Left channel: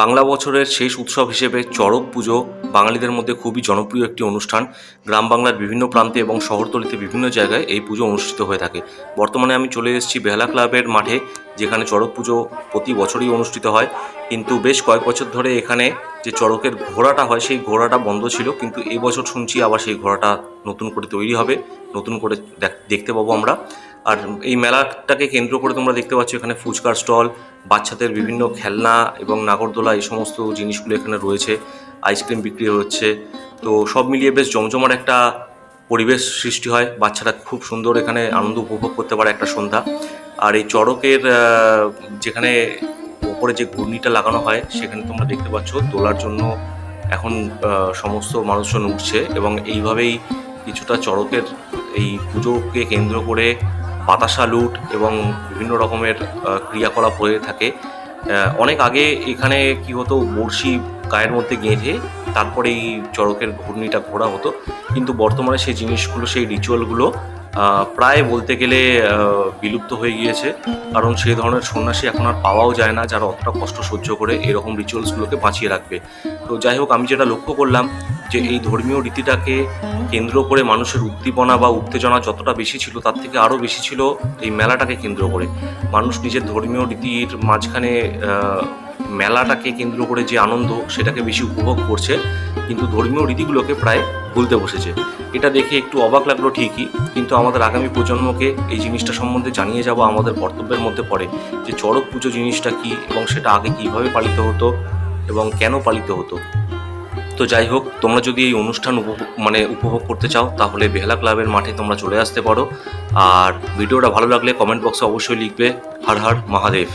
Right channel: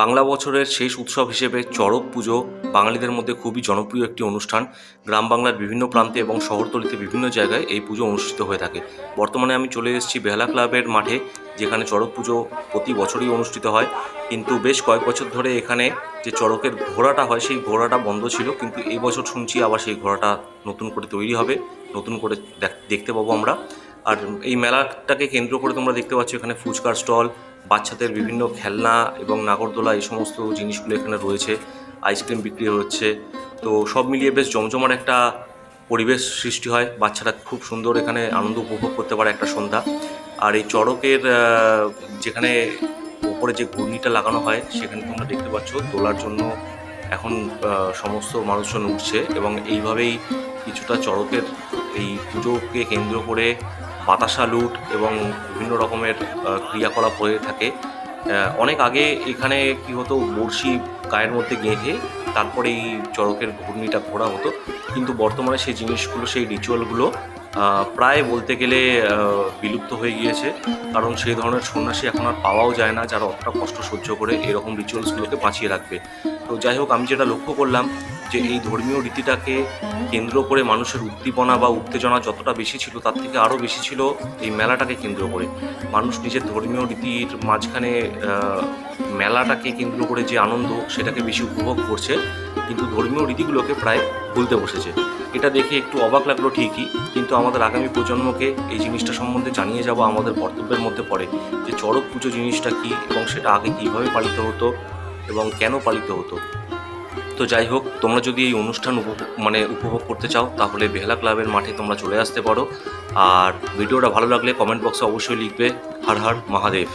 বাংলা বছরের শেষ উৎসব হিসেবে চড়ক পুজো বাঙালিদের মধ্যে খুবই জনপ্রিয় একটি অনুষ্ঠান। গ্রাম বাংলার বিভিন্ন প্রান্তে এবং শহরতলিতে বিভিন্ন জায়গায় এই পুজো অনুষ্ঠিত হয়ে থাকে। বর্তমানে আমি চলে এসেছি বেহালা ক্লাবের মাঠে, যেখানে চড়ক পুজো প্রতি বছরই অনুষ্ঠিত হয়। কিন্তু বেশ কয়েক বছর ধরে এখানে যে চড়কের ঘোড়াটা হয় সেই ঘোড়াটা বন্ধ ছিল, কিন্তু এই বছর শুনছি আবার সেই ঘোড়াটা নতুন করে তৈরি হবে, নতুন করে দেখতে পাবো আমরা। আর এই মেলাটাকে কেন্দ্র করে তোমরা দেখতে পাচ্ছ এখানে ফুচকার স্টল, বাচ্চাদের বিভিন্ন খেলনা এবং নাগরদোলা এই সমস্ত জিনিসগুলো এখানে রয়েছে, আইসক্রিম বিক্রি হচ্ছে। তো সব মিলিয়ে বেশ জমজমাট একটা পরিবেশ সৃষ্টি হয়, বাচ্চারা খুব সুন্দর এখানে আনন্দ উপভোগ করতে পারে একটা সন্ধ্যা। আর এই চড়কের যেখানে উপরে যে ঘূর্ণিটা লাগানো হয় সেখানে তোমরা দেখতে পাচ্ছ তোলার জন্য এখন সমস্ত মানুষজন উঠছে, এবং এইভাবেই কিছুটা চড়কের এই পুজোকে কেন্দ্র করে বাতাসা লুট এবং বিভিন্ন রকমের ক্রিয়াকলাপ হয়ে থাকে। অনেক আগে এখানে কি হতো, বড়শি গায়ের মধ্যে গেঁথে তারপরে এই চড়কের ঘূর্ণিটা ঘোরা হতো, কিন্তু বর্তমানে সেই জিনিসগুলো, সেই রিচুয়ালগুলো প্রায় বলতে গেলে বিলুপ্ত হয়ে গিয়েছে। কারণ সেই ধরনের সন্ন্যাসী এখন আর পাওয়াও যায় না যারা অতটা কষ্ট সহ্য করে এরকম রিচুয়ালসগুলোকে বাঁচিয়ে রাখবে। তো যাই হোক, আমি যেটা লক্ষ্য করলাম যে এই ধর্মীয় রীতিটাকে কেন্দ্র করে মানুষের উদ্দীপনা বা উত্তেজনা যতটা বেশি ছিল তার থেকে আরও বেশি ছিল এই মেলাটাকে কেন্দ্র করে। মানুষ নিজের ধর্মীয় রীতির মাঝখানে মেলাটাকে কেন্দ্র করে যে আনন্দ সেটাকে বেশি উপভোগ করছে, কিন্তু ধর্মীয় রীতিগুলোকে প্রায় ভুলতে বসেছে। এটা দেখে একটু অবাক লাগলো ঠিকই, কিন্তু আমাদের আগামী প্রজন্মকে এই জিনিসটা সম্বন্ধে জানিয়ে যাওয়া আমাদের কর্তব্যের মধ্যে পড়ে, যে চড়ক পুজো জিনিসটা কী এবং সেটা আগে কীভাবে পালিত হতো এবং কেন পালিত হতো। তো যাই হোক, তোমরা যদি এই অনুষ্ঠান উপভোগ করতে চাও তাহলে বেহালা ক্লাবের মাঠে তোমরা চলে আসতে পারো। আর ভিডিওটা ভালো লাগলে কমেন্ট বক্সে অবশ্যই লিখবে হর হর মহাদেব।